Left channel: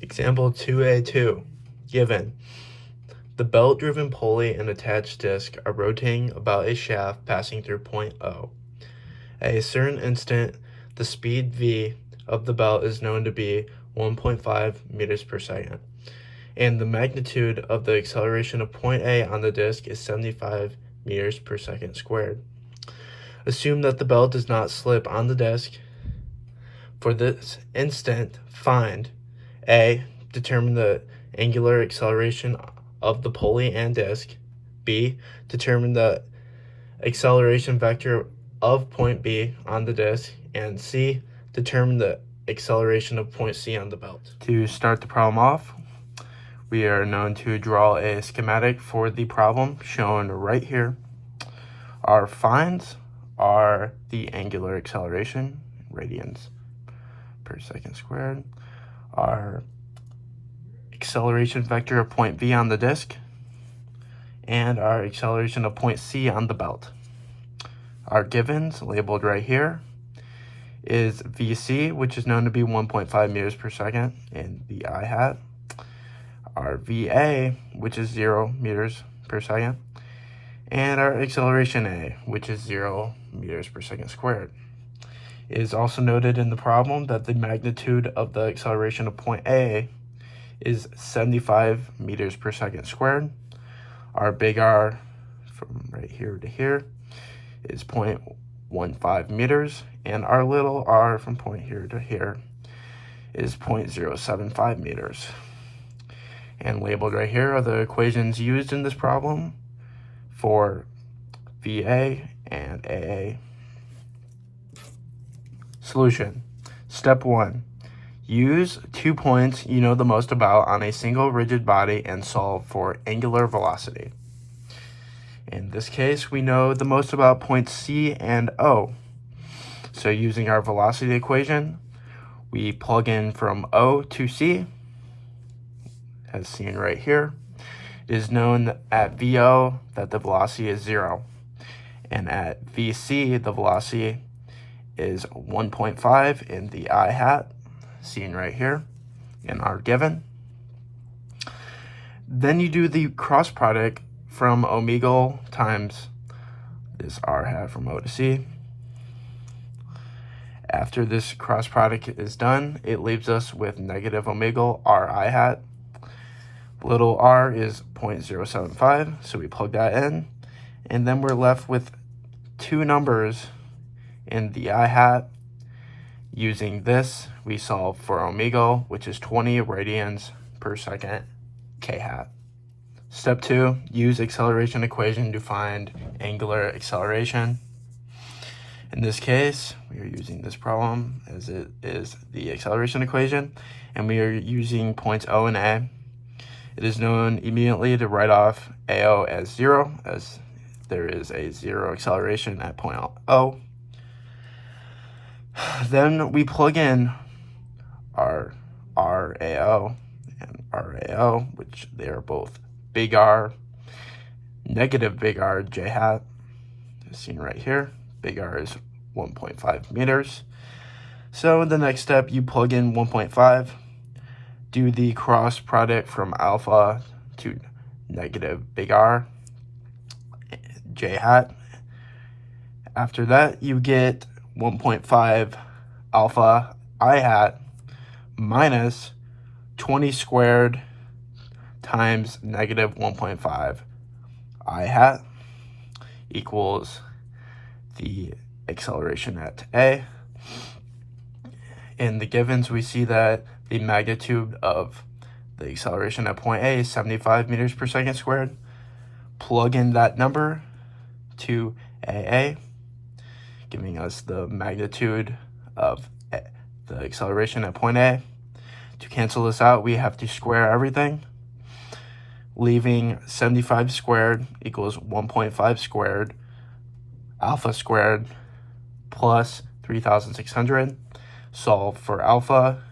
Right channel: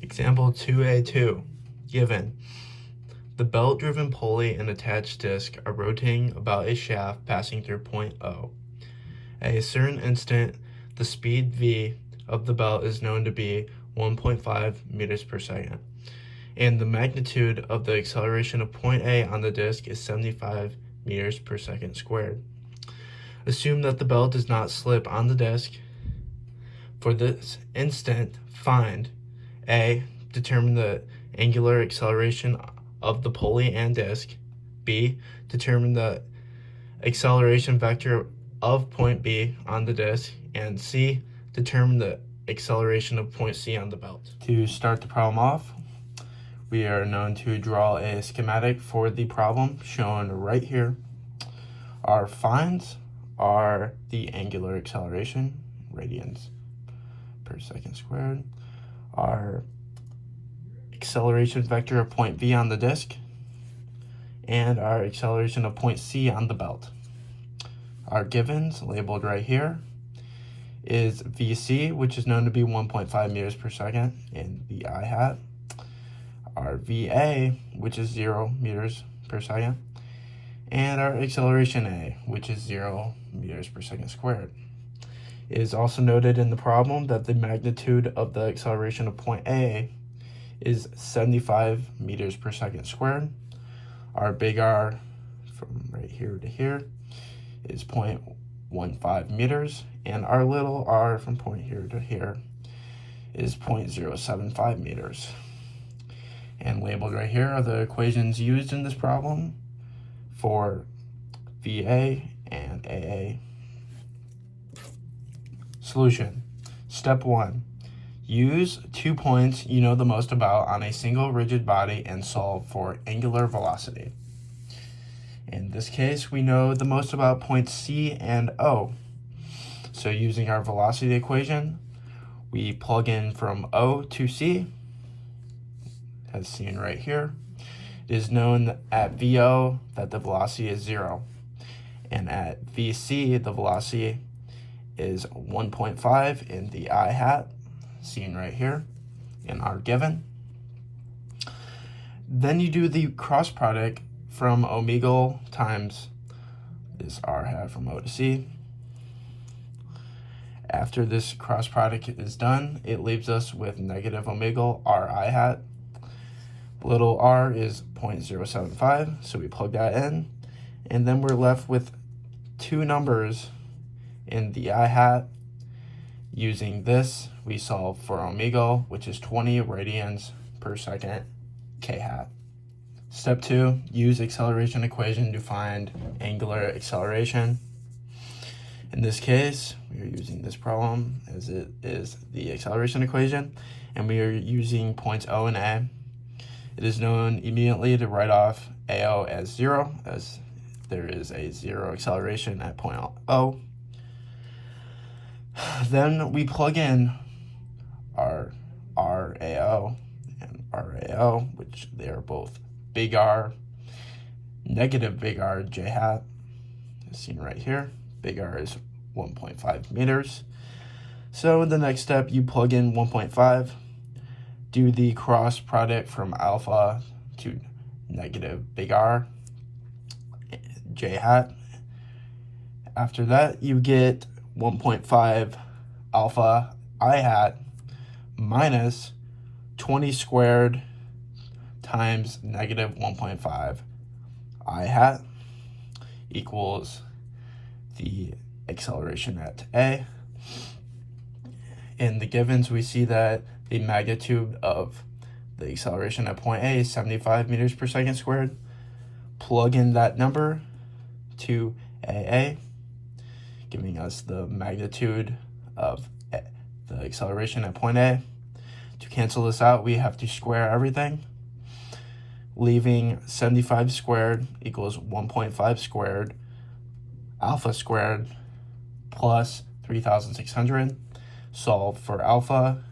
Example 2A.2. Given. The belt-driven pulley and attached disc are rotating about a shaft passing through point O. At a certain instant, the speed v of the belt is known to be 1.5 meters per second, and the magnitude of the acceleration of point A on the disc is 75 meters per second squared. Assume that the belt does not slip on the disc. For this instant, find A. Determine the angular acceleration of the pulley and disc. B. Determine the acceleration vector of point B on the disc. And C. Determine the acceleration of point C on the belt. To start the problem off, we are known to draw a schematic for the problem shown right here. Our finds are the angular acceleration, radians per second squared, our acceleration vector of point V on the disc, and our acceleration of point C on the belt. Our givens, labeled right here, is VC, which is known to be 1.5 meters per second, and the I hat. Our VA, which is 0 meters per second, and our acceleration A, which is 0 meters per second squared. It is also noted in the problem that the magnitude of the acceleration of point A is 75 meters per second squared. Our big R from right here to here is 0.15 meters, and our little r from point here to here is 0.075 meters. And labeled right here are the equations used in this problem for VA and AA. Solution. Step 1. Use 2 points you know the most about on a single rigid body and solve for angular velocity. In this case, we know the most about points C and O. So using our velocity equation, we plug in from O to C, as seen right here. It is known at VO that the velocity is 0, and at VC the velocity is 1.5 in the I hat, seen right here in our given. Then you do the cross product from omega times this R hat from O to C. After this cross product is done, it leaves us with negative omega R I hat. Little r is 0.075, so we plug that in, and then we're left with two numbers in the I hat. Using this, we solve for omega, which is 20 radians per second, k hat. Step 2, use acceleration equation to find angular acceleration. In this case, we are using this problem as it is the acceleration equation, and we are using points O and A. It is known immediately to write off AO as 0, as there is a 0 acceleration at point O. Then we plug in our RAO and RAO, which they are both big R, negative big R J hat, as seen right here. Big R is 1.5 meters. So the next step, you plug in 1.5, do the cross product from alpha to negative big R J hat. After that, you get 1.5 alpha I hat minus 20 squared times negative 1.5 I hat equals the acceleration at A. In the givens, we see that the magnitude of the acceleration at point A is 75 meters per second squared. Plug in that number to AA, giving us the magnitude of the acceleration at point A. To cancel this out, we have to square everything, leaving 75 squared equals 1.5 squared alpha squared plus 3,600. Solve for alpha,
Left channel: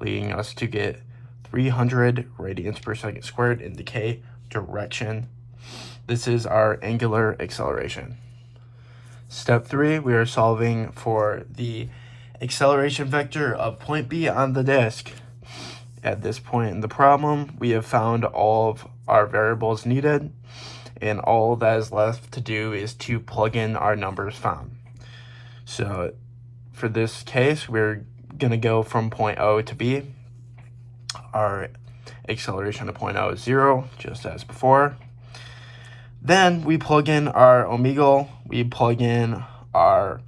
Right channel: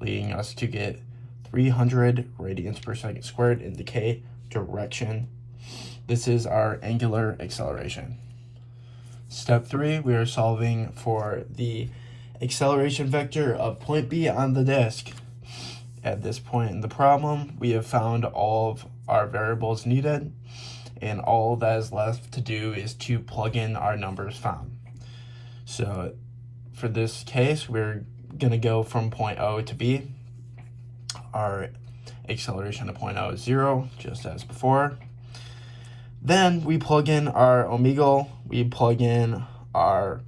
leading us to get 300 radians per second squared in the k direction. This is our angular acceleration. Step 3, we are solving for the acceleration vector of point B on the disk. At this point in the problem, we have found all of our variables needed, and all that is left to do is to plug in our numbers found. So for this case, we're going to go from point O to B. Our acceleration at point O is 0, just as before. Then we plug in our omegle, we plug in our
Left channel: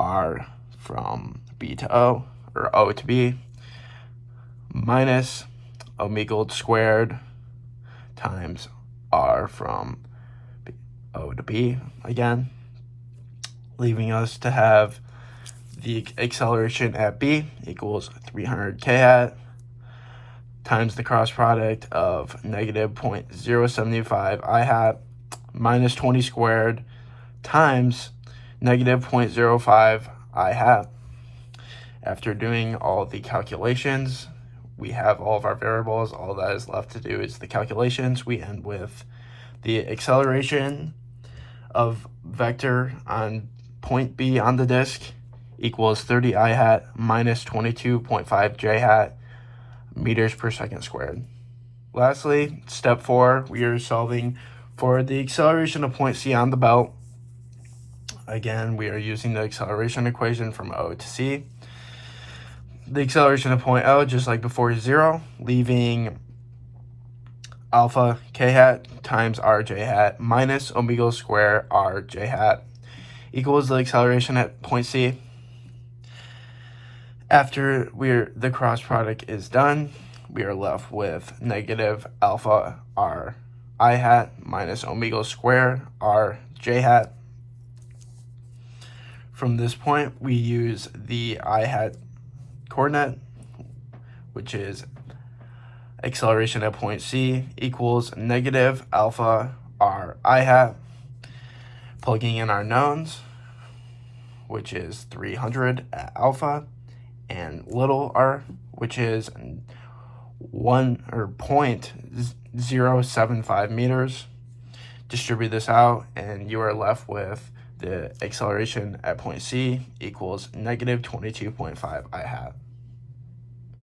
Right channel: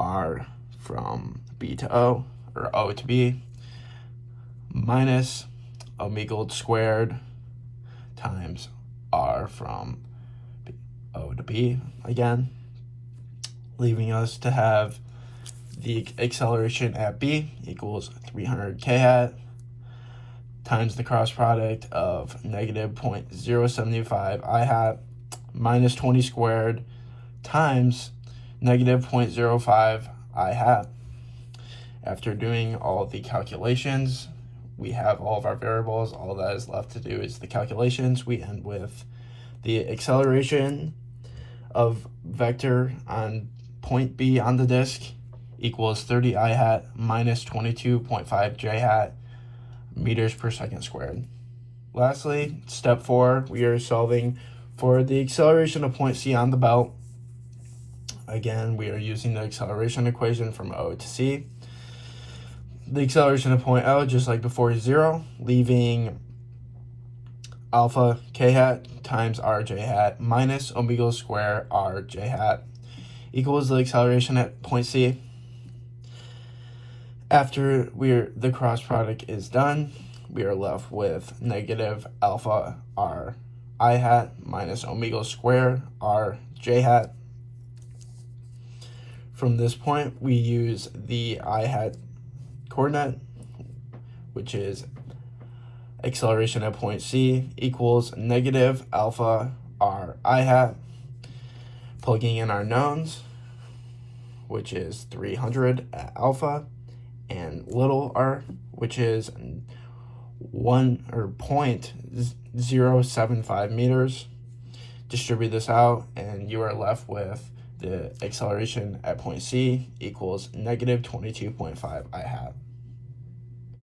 R from B to O, or O to B, minus omegle squared times R from O to B again, leaving us to have the acceleration at B equals 300 k hat times the cross product of negative 0.075 I hat minus 20 squared times negative 0.05 I hat. After doing all the calculations, we have all of our variables. All that is left to do is the calculations. We end with the acceleration of vector on point B on the disk equals 30 I hat minus 22.5 J hat meters per second squared. Lastly, step 4, we are solving for the acceleration of point C on the belt. Again, we are using the acceleration equation from O to C. The acceleration of point O, just like before, is 0, leaving alpha k hat times r j hat minus omegle square r j hat equals the acceleration at point C. After the cross product is done, we are left with negative alpha r I hat minus omegle square r j hat. From this point, we use the I hat coordinate, which is acceleration at point C equals negative alpha r I hat, plugging in our knowns, which is 300 at alpha, and little r, which is 0.075 meters. Distribute this out, and you are left with the acceleration at point C equals negative 22.5 I hat.